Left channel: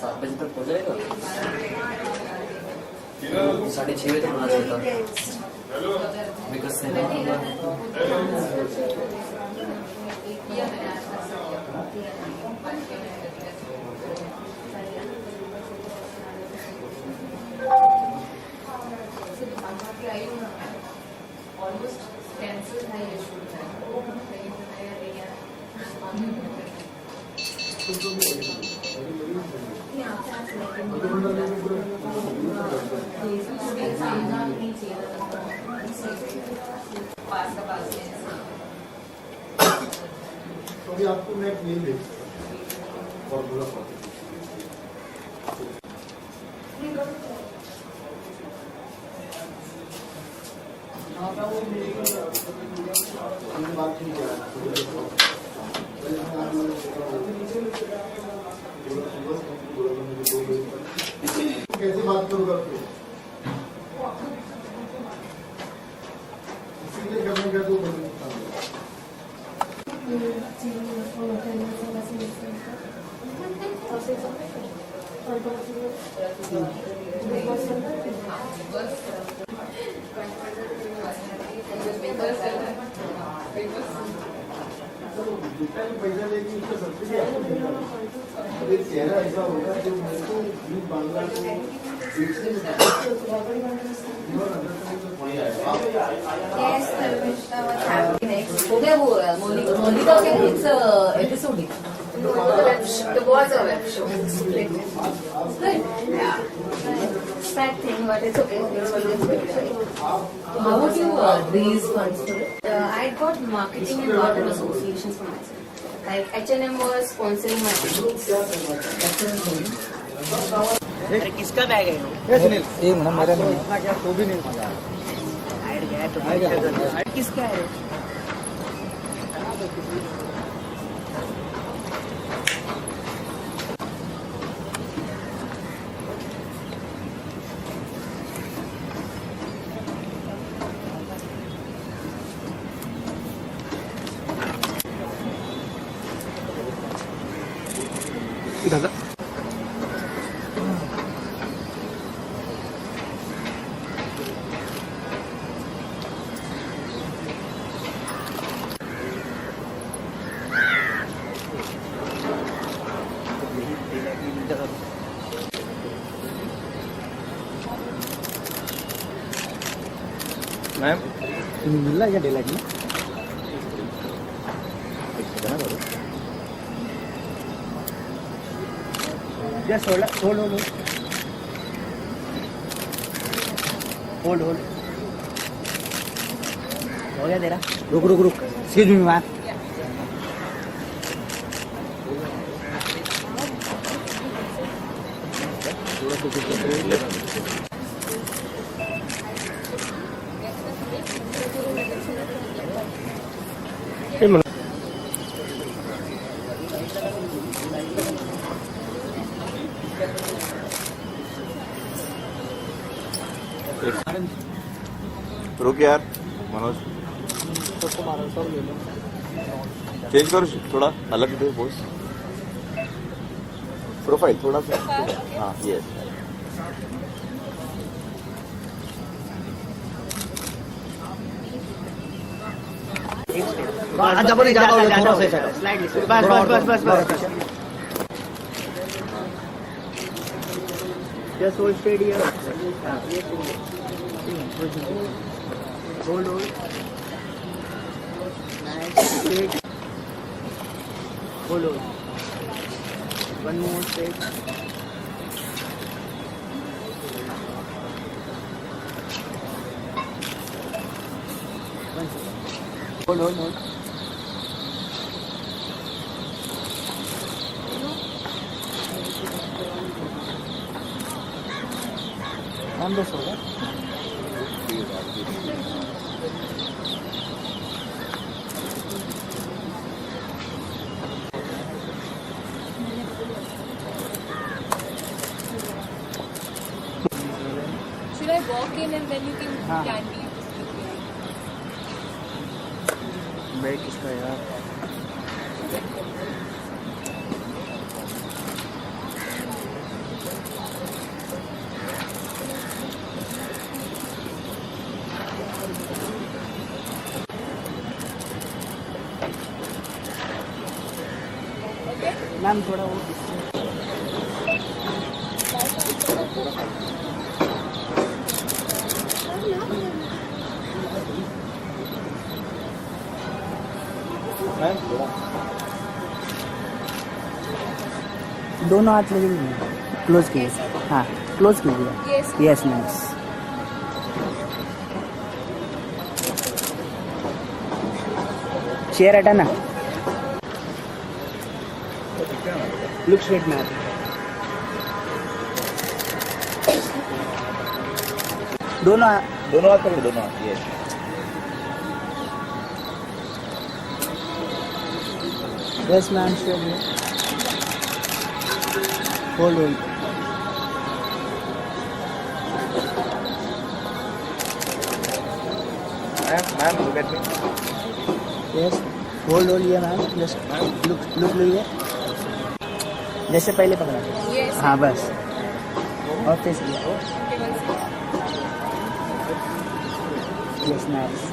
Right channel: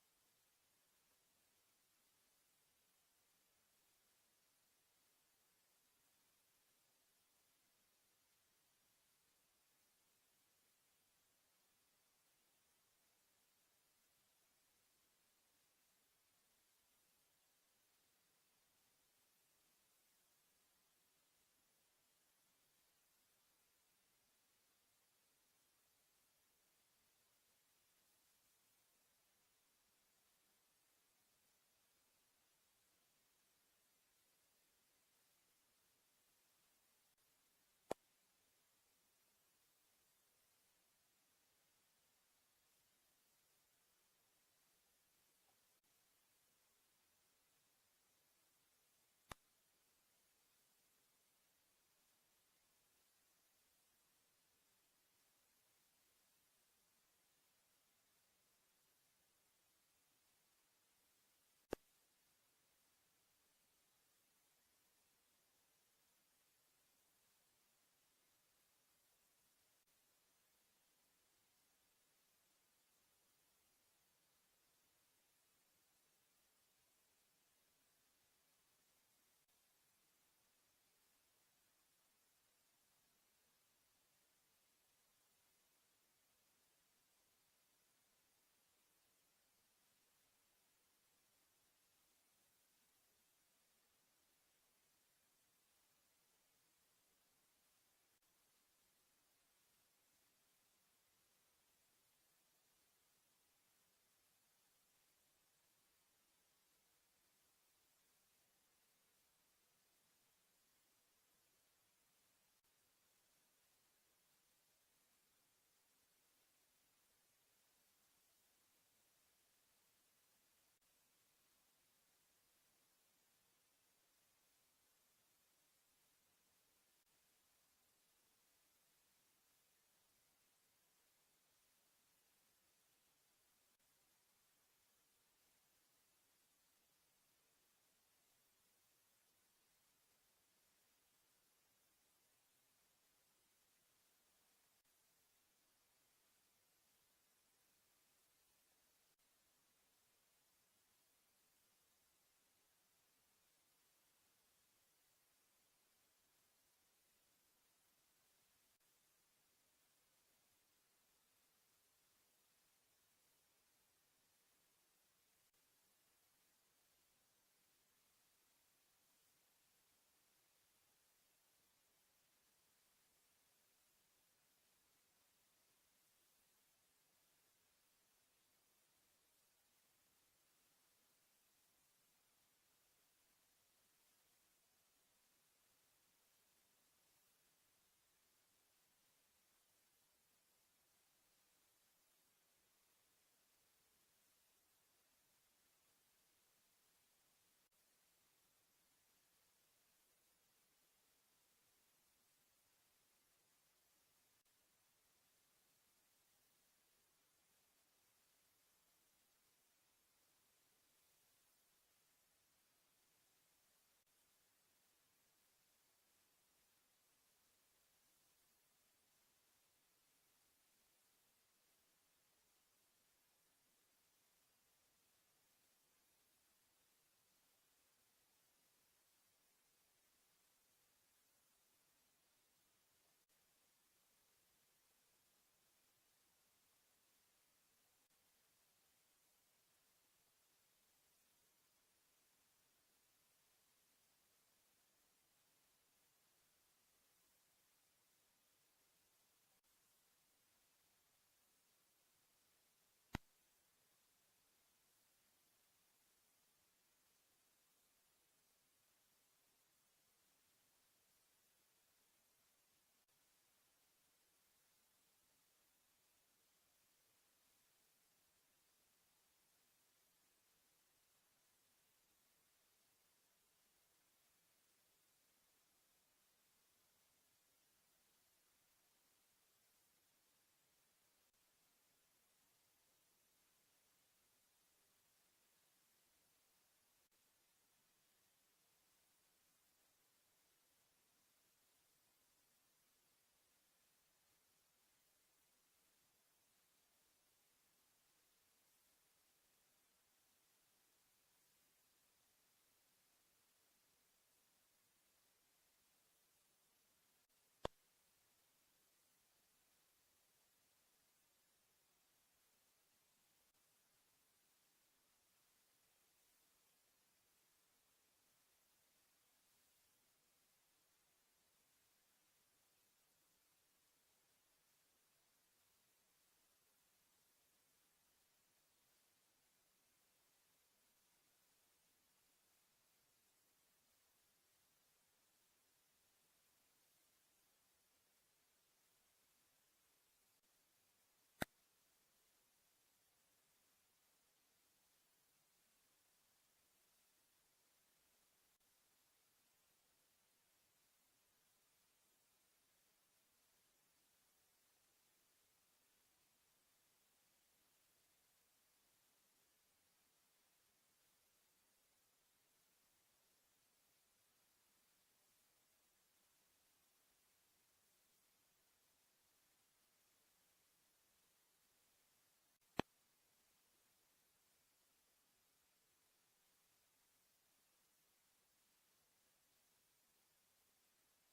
7 बजे तक हो जाएगा। 6:30 बजे तक होना चाहिए था। विकास से ऑलमोस्ट कैंसिल है ये शूट है, लेकिन अभी आपको मैं एक मेल भेज फॉर्मूला बात ठीक है। कैसे बात करूँगा इसीलिए करने का तो पैसा लेके उसका सब्सिडी आपको मिलेगा। एक चेहरा ऐसा होगा जो मेरे को बांग्ला को हो गया वो मोनिका के it's episode the was a web show. Good. Yeah. Sad thing, but it's okay. How would you raise funds for it? I got marketing and market associations for myself. Like H&M was sponsoring my business. अरे किसका bag है ये सुनील? ये ना मेरा नहीं इतना क्या तो भी नहीं पता। ऐड गया तो ऐड किसका है? दादा मैम मिल रहा है क्या डेलाइट में? Just hold. Hold. हो गया तेरा? रुक. Excuse me, ma'am. रुक यार मनोज, चेंज करो थोड़ा अलग दे पोज प्रोफाइल थोड़ा सा। हाँ यस बस Just hold straight here. Hold. Nice. Straight. Hold. One more straight. Hold. बस होगा। Should I walk in and then you can candy? Bag किसका यार? मैम थोड़ा वो दोनों हाथ लगे क्लोज कीजिए हाँ क्लोज कीजिए यस मैम चेयर हटाना लुक स्ट्रेट मैम दोनों हाथ पकड़ो दोनों हाथ ये yes ma'am straight hold hold ma'am look at me yes hold hold ये मैम जस्ट लुक लीजिए जैसे पहले पकड़ा हाँ बस और फेस किया यस नाइस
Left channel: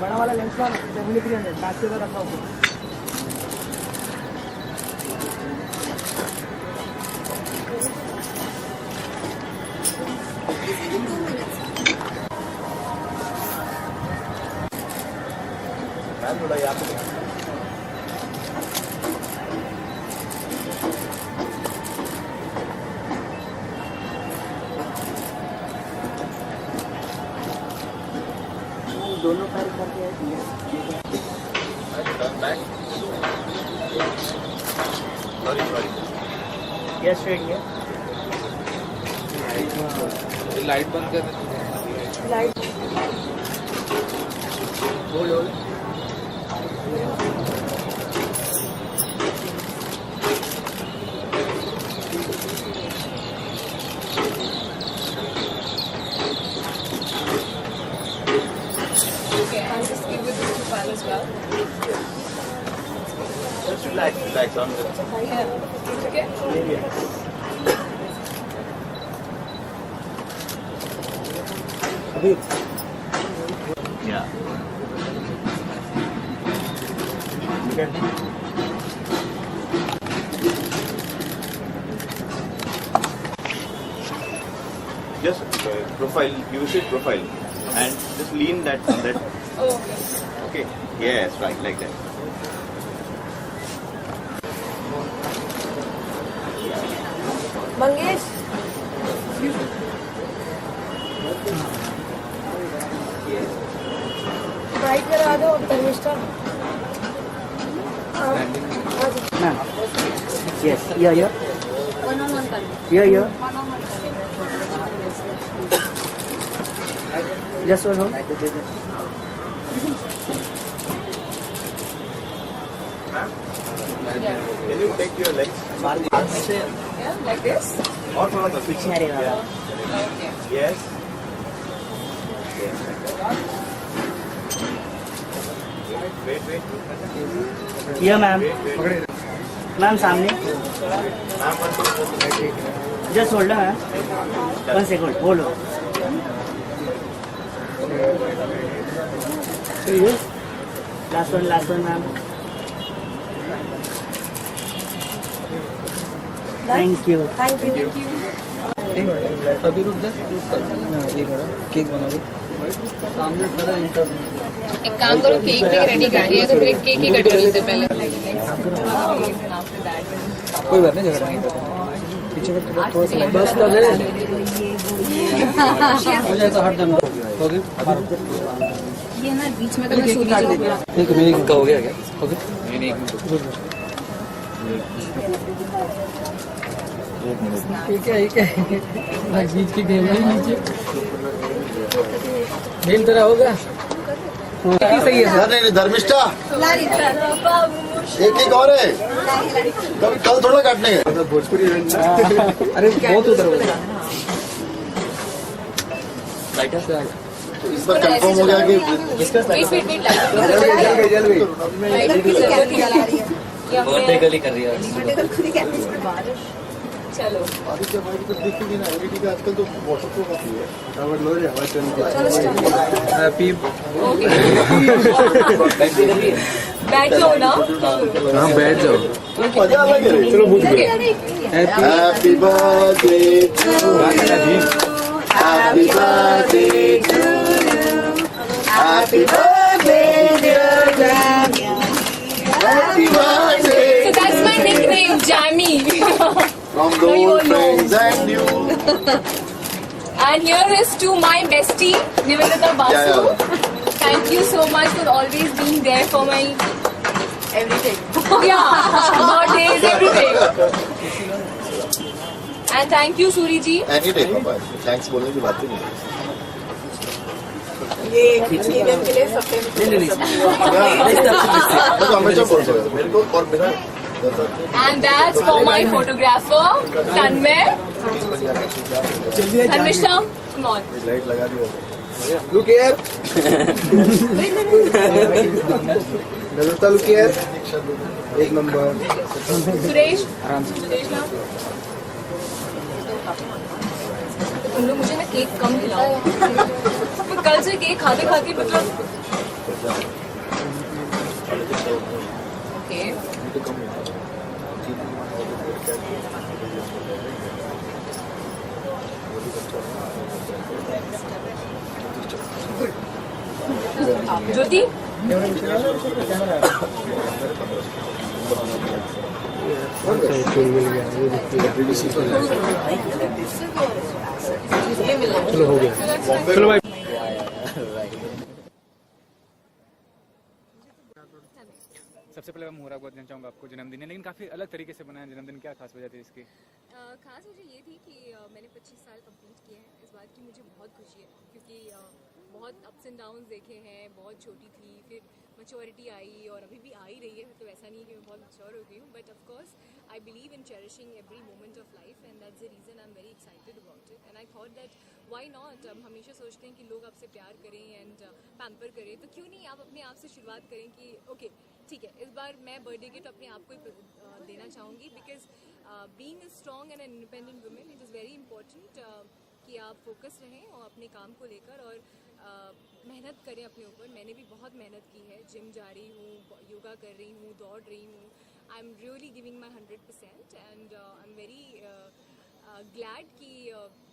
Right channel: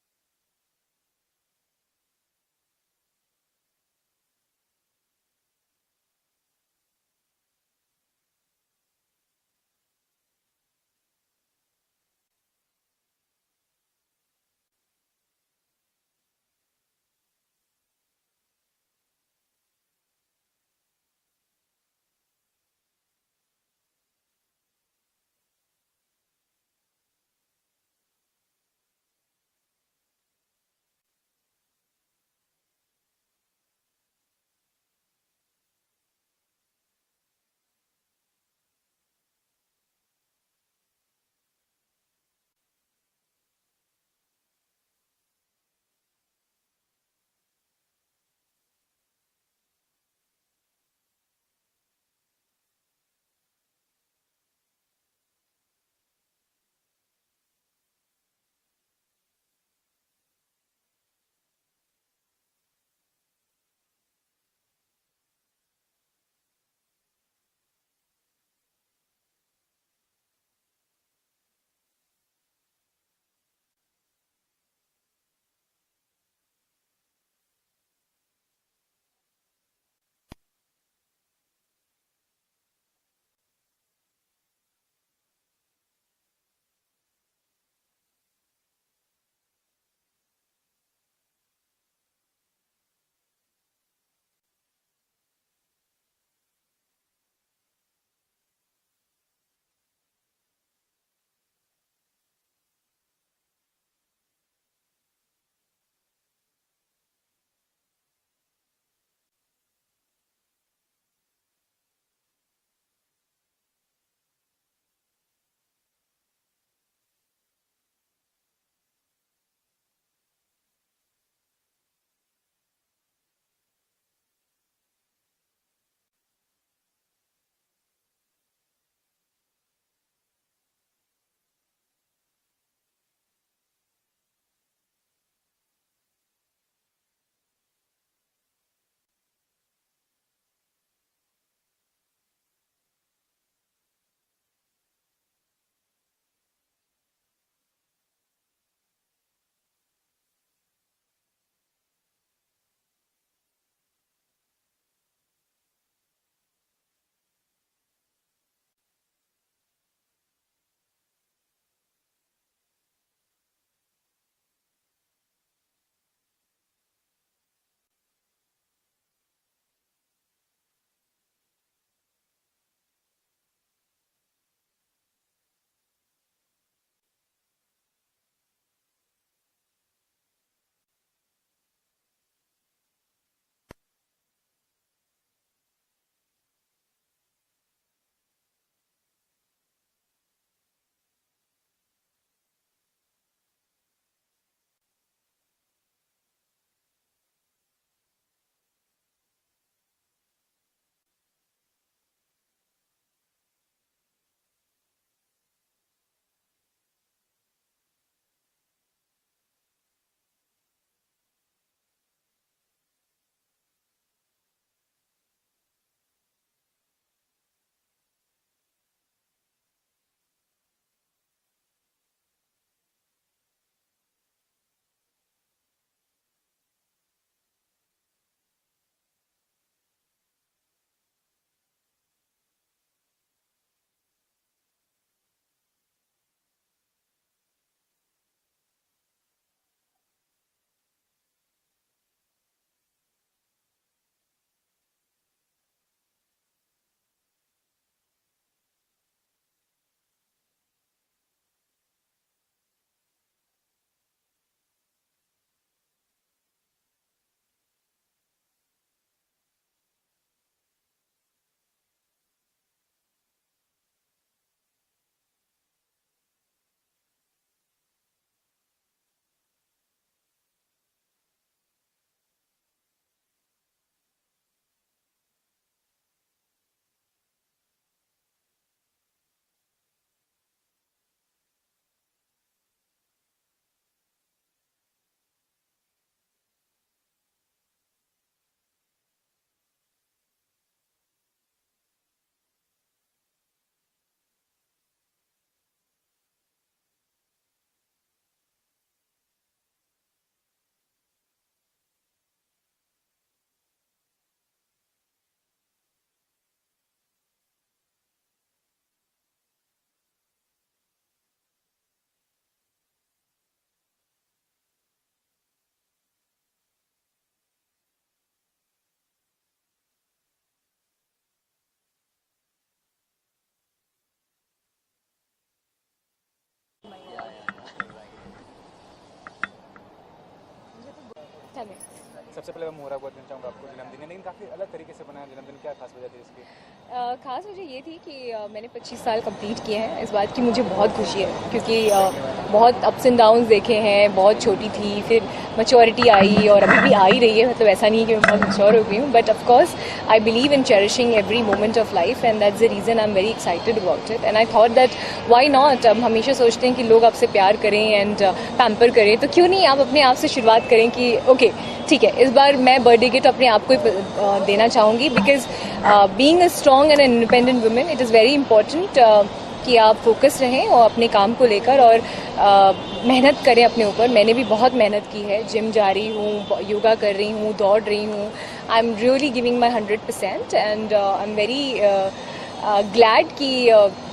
बड़ा वाला लेंस का 7300 5 से रखा होगा मैम थोड़ा यहाँ पे दोनों पैर करके सॉरी यस स्ट्रेट है लाइट बंद कर hold hold just relax on the अभी yeah just profile, use it profile and just lean that. Oh, Okay, yes, right, like that. Mangesh right करा दो धर्मिष्ठा मैम यस या वन कर या just one hold Can you take your legs? Yeah, like this. और थोड़ा सा पीछे अरे वाह Okay. Yes. Wait. या मैम मैम सामने just hold ma'am 1 second hold last one ma'am thank you अभी रुक जा केक बना दो सामने खड़ा एक काम करो केक भी रेडी कर दिया तो फिर केक ही कट कर लेते पहले कोई बात नहीं झगड़ा नहीं पीछे का थोड़ा सा बस कर दे हो जाए तो हट जाना हो गया ये ना बीच में तो मैं सूजी जो एक मिनट का हो गया क्या हो गया नहीं ठीक है बीच की गेम है नीचे गेम तेरा हो गया सही है सर नहीं धर्मिष्ठा एक एक और है कल थोड़ा काटने हैं भोजपुरी अरे बहुत उधर हो गया से आ गया तो इस बार कंफर्म हो गया कि बर्थडे गली कर रही है। चलो आदित्य भाई की तो दिखेगी ना, एलईडी का आजकल तो वाटरप्रूफ काफी है। हैप्पी बर्थडे कर रही है। बैठ जाओ ना। हाँ बैठ जाओ। मजा अलग है। चलो happy birthday to you, happy birthday to you, happy birthday dear Jamie, happy birthday So that's my nickname, Jammy. from those friends and you. And here is to my bestie, Nivedita Basu. Thank you so much for always being there for my everything. Yeah, birthdays, everything. And thank you, Suri ji. Any day पापा, thanks बोलने की बात ही नहीं। नहीं। मैं तो हमेशा बोलता हूँ मेरे को और मेरा। And that's for my photographer, Tanmay. Tanmishta, come on. Light लगा दी। Look here. नजरता look here. एक नंबर। Suresh. Suresh ना। तुम लोग मुझे ना केक कम खिलाओ। मैं कल से केक खाते खाते मतलब। Okay. ज्योति चलो हो गया। चलो भाई। सबसे पहले मैं मुबारकबाद देना चाहूँगा आपको जन्मदिन है, लेकिन काफ़ी अलग तरीके से बनाया जन्मदिन। क्या खास वजह थी इसकी? खास वजह ये थी कि मैंने 25 साल कंप्लीट किए हैं। इस बात की मुझे बहुत खुशी है क्योंकि बहुत अप्स एंड डाउन्स देखे हैं। बहुत छोटी थी, फिर मैच्योरिटी आई और अभी भी आ ही रही है। मतलब ऐसा नहीं है कि मैं बहुत मैच्योर हो गई हूँ, but of course I believe in cherishing every moment of life and that's the reason I am very excited about it. And I thought that why not. हम हमेशा सोचते हैं कि लोग आपसे प्यार करें एंड पैम्पर करें, तो क्यों नहीं आप अपने आप से शुरुआत करें कि ओके ठीक है, इस बार मैं बर्थडे गिफ्ट अपने आप को ही देना चाहूँगी। Because being a strong and independent women, it is very important कि आप फोकस रहें और अपने काम को लेकर और मेहनत करें अपने ऊपर। मैंने भी बहुत मेहनत की है, जिम जा रही हूँ, योगा कर रही हूँ, दौड़ रही हूँ। I am really giving my 100% and I am very glad कि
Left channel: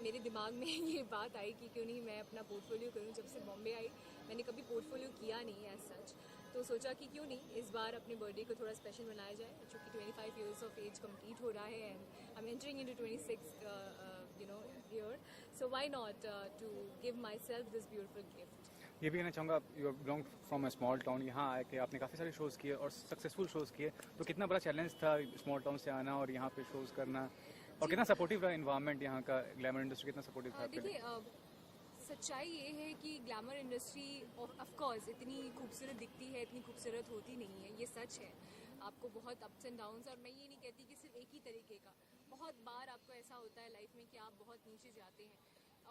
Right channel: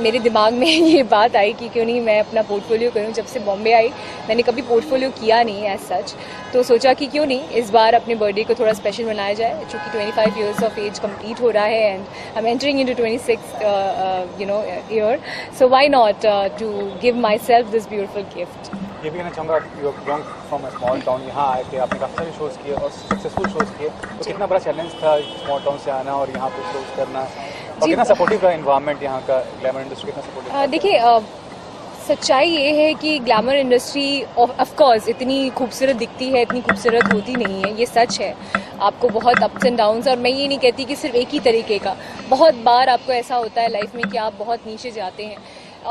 मेरे दिमाग में ये बात आई कि क्यों नहीं मैं अपना पोर्टफोलियो करूं। जब से बॉम्बे आई मैंने कभी पोर्टफोलियो किया नहीं एज सच, तो सोचा कि क्यों नहीं इस बार अपने बर्थडे को थोड़ा स्पेशल मनाया जाए। चूँकि 25 इयर्स ऑफ एज कंप्लीट हो रहा है and I am entering into 26 year, so why not to give myself this beautiful gift. ये भी कहना चाहूँगा, you belong from a small town, यहाँ आए थे, आपने काफ़ी सारे शोज़ किए और सक्सेसफुल शोज़ किए, तो कितना बड़ा चैलेंज था स्मॉल टाउन से आना और यहाँ पे शोज़ करना, और कितना सपोर्टिव का इन्वायरमेंट यहाँ का, ग्लैमर इंडस्ट्री कितना सपोर्टिव? देखिए सच्चाई ये है कि ग्लैमर इंडस्ट्री ऑफ कोर्स इतनी खूबसूरत दिखती है, इतनी खूबसूरत होती नहीं है, ये सच है। आपको बहुत अप्स एंड डाउन्स, और मैं ये नहीं कहती कि सिर्फ एक ही तरीके का, बहुत बार आपको ऐसा होता है लाइफ में कि आप बहुत नीचे जाते हैं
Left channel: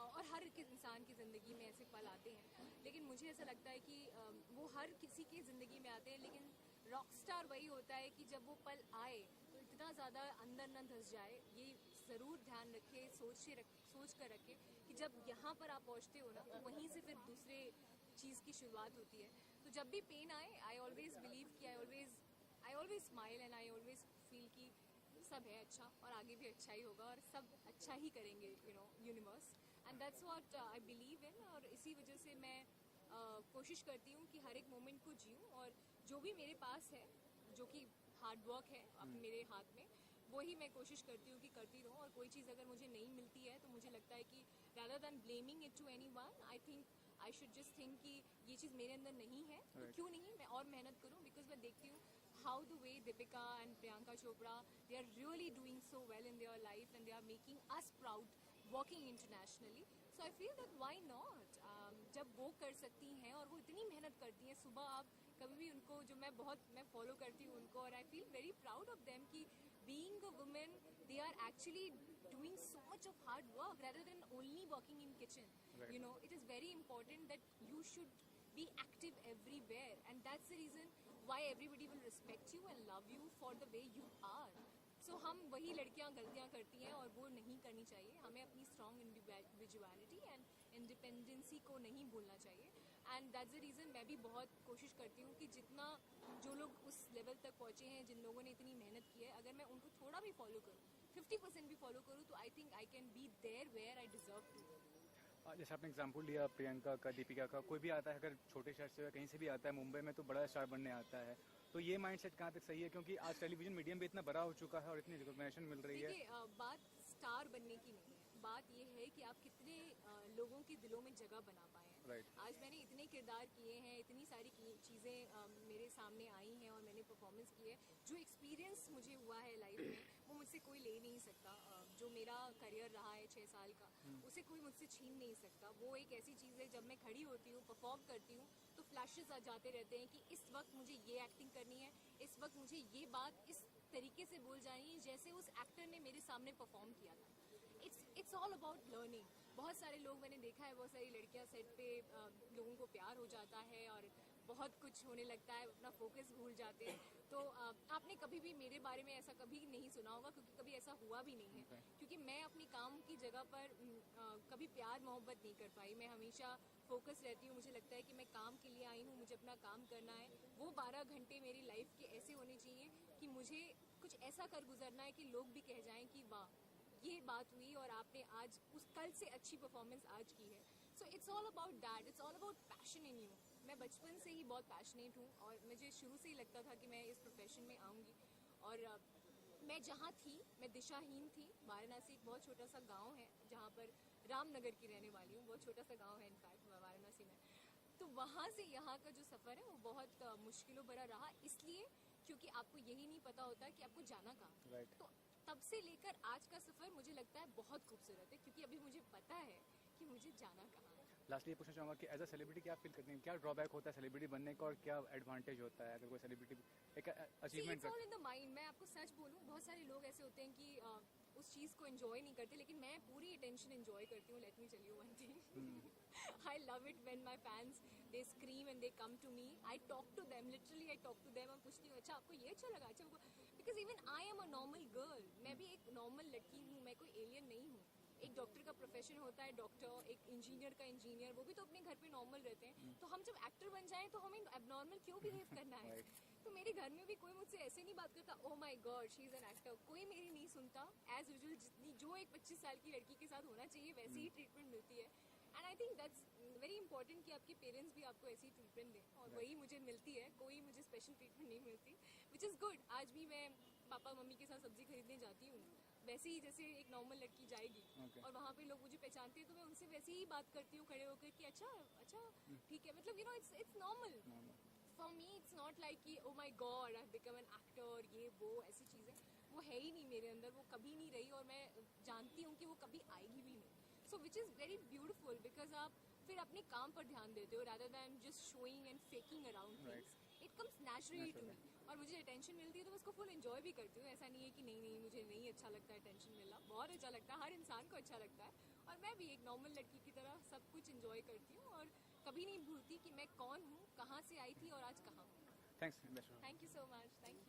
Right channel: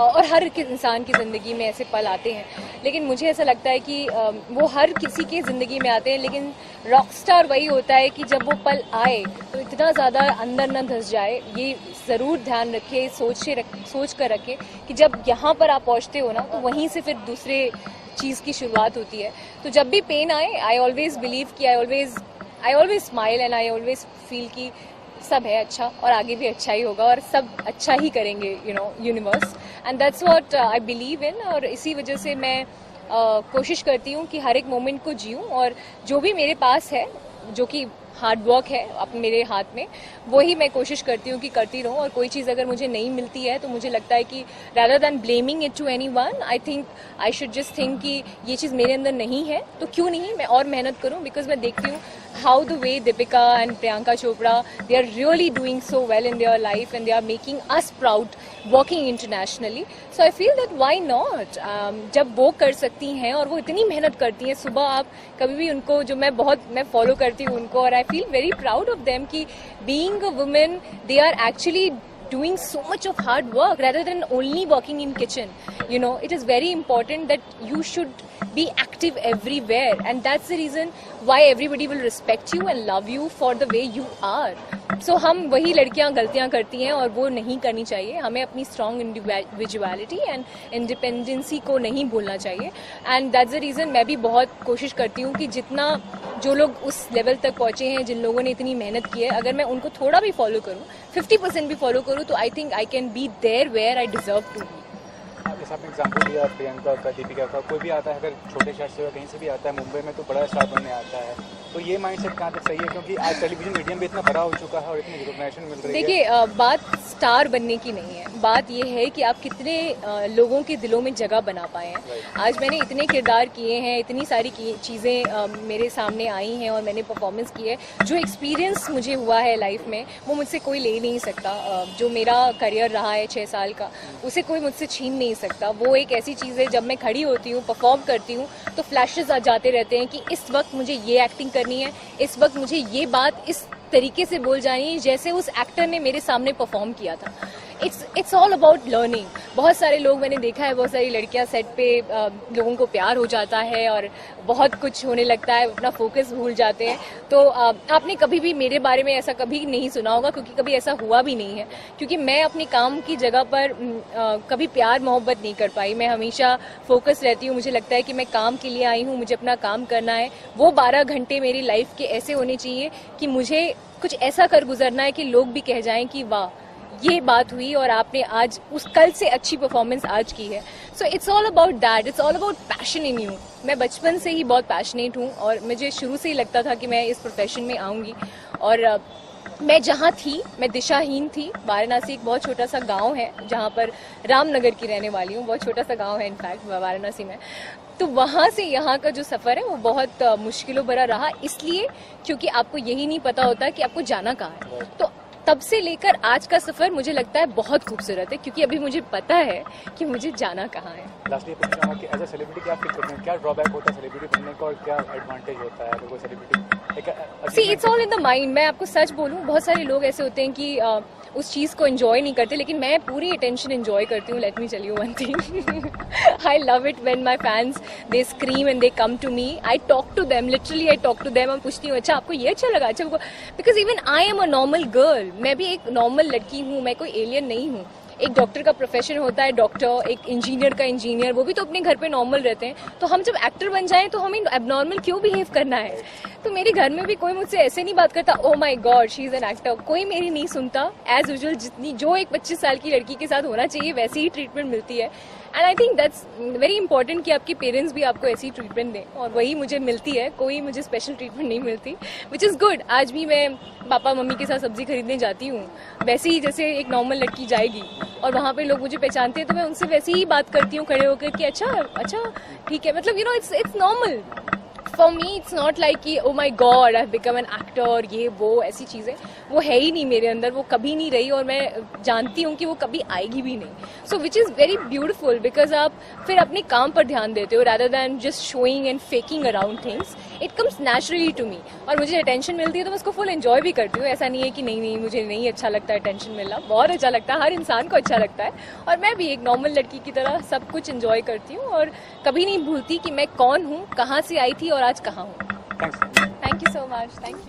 और हर इंसान की ज़िंदगी में ऐसे पल आते हैं। लेकिन मुझे ऐसा लगता है कि वो हर किसी की ज़िंदगी में आते हैं, लेकिन रॉक स्टार वही होता है कि जब वो पल आए तो इतना ज़्यादा अंदर न धंस जाए। ये ज़रूर ध्यान रखे, सोच कर रखे कि जब यहाँ पर आप पहुँचते हो ना, तो वहीं से फिर दूसरे चीज़ की शुरुआत होती है। तो जब भी पेन आए, आई ऑलवेज बिलीव कि I always smile and I always feel कि सब है अच्छा और आगे भी अच्छा ही होगा और सब अच्छा ही करेंगे, universe, and that's what I believe in. और इसी वजह से मैं कोशिश करती हूँ कि हर एक मोमेंट को जीऊँ, और जो भी मेरे पास है, जो कि हार्ड वर्क है अब मेरे हाथ में, वही मैं कोशिश करती हूँ कि करती रहूँ। और कोई चीज़ अगर मुझे नहीं मिलती है तो मुझे लगता है कि rather than blaming it to anyone, I think I should just think कि ये चीज़ मेरे अंदर नहीं है तो क्यों नहीं मैं और मेहनत करूँ। बिकॉज मैं देखती हूँ how the way Deepika and Priyanka Chopra, they are really doing so well in their life and they are making us proud working internationally. So I feel that why not? जब वो कर सकती हैं और वो इतनी मेहनत करती हैं, सुबह आप कभी भी उनको, जो मैं फॉलो करती हूँ उनको, और I feel very proud of them कि being a woman, they are actually doing so much of hard work rather than only working in kitchen. You know, it is very important that you should be active everywhere, and that's the reason why everybody will respect you and love you for the way you are. So हम वही लड़कियां गलतियां करती हैं और वो नहीं करनी चाहिए. हमें अपनी strong individuality and इंडिपेंडेंसी को नहीं भूलना चाहिए. एंड दैट्स द रीज़न मैं भी बहुत कोशिश करती हूँ कि जितना जो लोग उस लेवल तक पहुँचे हैं, जिन लोगों ने इतनी मेहनत की है, अगर मैं उनको थोड़ा भी फॉलो करूँ, 50% भी फॉलो करूँ, तो I think I can be there where I deserve to be. जैसे आपने एग्जाम्पल दिया प्रियंका का, दीपिका का, कोई भी आता है अगर छोटे शहर से या कहीं से भी आता है मुंबई में तो बड़ा स्टार बनने आता है, तो ये माइंडसेट कहाँ तक सही है? क्योंकि आज टेलीविजन मीडियम भी इतना बड़ा हो चुका है और इतनी रिकॉग्निशन मिल रही है. देखिए, बात स्टार बनने की नहीं है, बात ये है कि आप कितने लोगों के दिलों में जगह बना पाए हैं. आज मैंने इतने किरदार किए हैं, इतनी सारी चीज़ें मेरे सामने आई हैं और मैंने परफॉर्मेंस की है. जो एक्सपीरियंस मुझे हुआ है लाइफ में वो मुझसे कोई ले नहीं सकता. जो मेरा करियर रहा है 6 साल का, उसे कोई मुझसे छीन नहीं सकता. वो एक ऐसी चीज़ है, जब मैं खड़ी होती हूँ, परफॉर्म करती हूँ, तो फ्लैशेस आ जाते रहते हैं कि इस वक्त मुझे ये एक्टिंग करनी है, इस वक्त मुझे ये बात इस तरीके से बोल जानी है जैसे उस एक्टर ने मेरे सामने परफॉर्म किया था. It's all about learning. बहुत सारे लोग मैंने देखा है, बहुत सारी लड़कियां सेट पे लोगों को प्यार हो जाता है और बहुत कुछ होने लगता है, अपना फोकस भूल जाते हैं. तो आपने कभी भी मेरे बारे में ऐसा कभी नहीं सुना होगा, क्योंकि कभी ऐसा हुआ भी नहीं है. क्योंकि मैं अपने काम की जगह पर कभी प्यार मोहब्बत नहीं कर पाई. मैं हमेशा फोकस रहती हूँ. मुझे लगता है कि मैं काम के लिए आई हूँ, मुझे अपना काम करना है. वो 12 घंटे मेरी लाइफ के ऐसे होने चाहिए कि मुझे कुछ ऐसा कर गुजरना है कि लोग भी कह जाएं कि वाह, ये बात हुई और आपने आज उस कल से अच्छी परफॉर्मेंस आज की है. So it's all about that, it's all about passion in you. मैं बचपन से ही बहुत पैशनेट हूँ और मुझे शुरू से ही लगता था कि मैं इस प्रोफेशन में आऊँगी. और मैं जहाँ थी, मैं दिशाहीन थी. वाराणसी एक बहुत छोटा सा गांव है जहाँ पर रामनगर की रहने वाली हूँ. बहुत छोटा सा गांव है इनफैक्ट वाराणसी में. तो वहाँ से यहाँ का जो सफ़र है वो बहुत मुश्किलों भरा रहा, इसलिए क्योंकि आपको यही नहीं पता होता कि आपको जाना कहाँ है. तो तब से लेकर आज का सफ़र मुझे लगता है बहुत खूबसूरत है, क्योंकि अभी मुझे पता है कि मुझे जाना कहाँ है. लास्टली पूछना चाहूँगा कि एज अ सेलिब्रिटी क्या फील करते हैं, क्या ड्रॉबैक होता है सेलिब्रिटी बनने का और क्या एडवांटेज होता है अगर कोई celebrity? See, it's all in the mind. मैं आपको सच बोलूँ, बहुत सारे लोग ऐसे होते हैं कि उस चीज़ को एंजॉय नहीं करते, लेकिन मैं पूरी अटेंशन एंजॉय करती हूँ. Let me tell you one thing, I love it when my fans they scream and they come to me. I talk to them, literally I talk to them. मैं पूछती हूँ, अच्छा आपको ये अच्छा लगा? अच्छा, because even I am a normal girl. मैं भी एक नॉर्मल लड़की हूँ, मैं कोई एलियन नहीं हूँ. एक डॉक्टर का प्रोफेशन होता है डॉक्टर, एक इंजीनियर का इंजीनियर, वो भी तो अपने घर पे नॉर्मल रहते हैं. तो हम जब एक्टर बन जाएं तो हमें एबनॉर्मल क्यों बिहेव करना है? तो मेरे घर में भी कोई मुझसे ऐसे नहीं बात करता, oh my God she is an actor. कोई मेरी नहीं सुनता. एज यूजुअल जितनी जो एक 25 साल की लड़की के साथ होना चाहिए वैसी ही ट्रीटमेंट मिलती है. And I think that's very important कि आपके पेरेंट्स भी आपको ऐसी ट्रीटमेंट दें, और वही मुझे मिलती है. कोई मुझे स्पेशल ट्रीटमेंट नहीं मिलती, विच इज़ गुड. आज भी मैं पापा मम्मी के साथ सब्जी खरीदने जाती हूँ वैसे ही जैसे एक नॉर्मल लड़की जाएगी, और वहाँ पे लोग मुझे पहचानते हैं तो मैं उनसे वैसे ही बात करती हूँ खड़े होकर कि अच्छा ठीक है. मतलब you know it's normal for me. It's not like कि oh my God I have become an actor, ये वो ऐसी चीज़ें वो है ही नहीं मेरे अंदर. वो कभी नहीं रही और मैं जानती हूँ कि वो कभी आएगी भी नहीं. So which is very beautiful, because आप फिर अपने काम पर ध्यान देते हो rather than just showing and faking around things. It comes naturally to me. और मुझे अटेंशन मिलती है तो मैं उसको फुल एंजॉय भी करती हूँ. ऐसा नहीं है कि नहीं मुझे नहीं अच्छा लगता है अटेंशन मिलना. बहुत अच्छा लगता है, हर इंसान को अच्छा लगता है. और मैं भी एक नॉर्मल लड़की की तरह सब कुछ एंजॉय करती हूँ और कभी नहीं भूलती कि मैं कौन हूँ, कहाँ से आई थी और आज कहाँ हूँ. Thanks. Thank you so much. Thank you.